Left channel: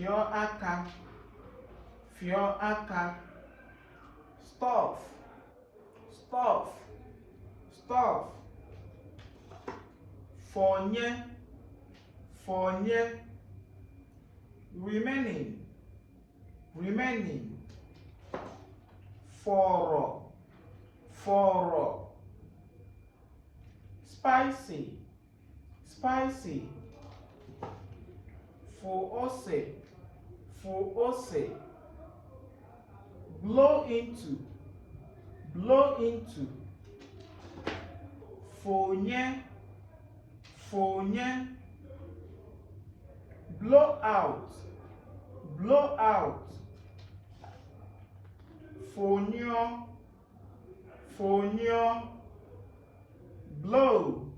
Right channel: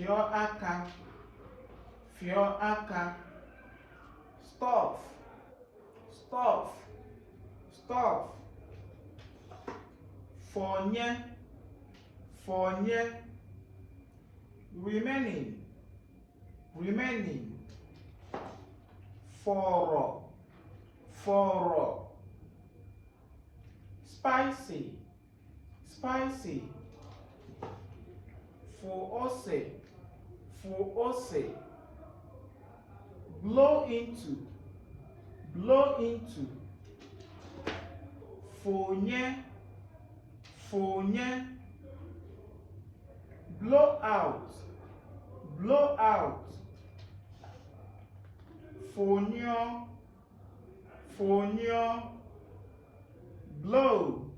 fịọ aka, fịọ aka. Stuff, stuff, stuff. Fọnye, fọnye. Remaining, remaining. Fọrọ, fọrọ. Spicy, spicy. Fò ose, fò ose. Blow into, blow into. Fònye, fònye. Blow out, blow out. Fònyọ, fònyọ. Blow,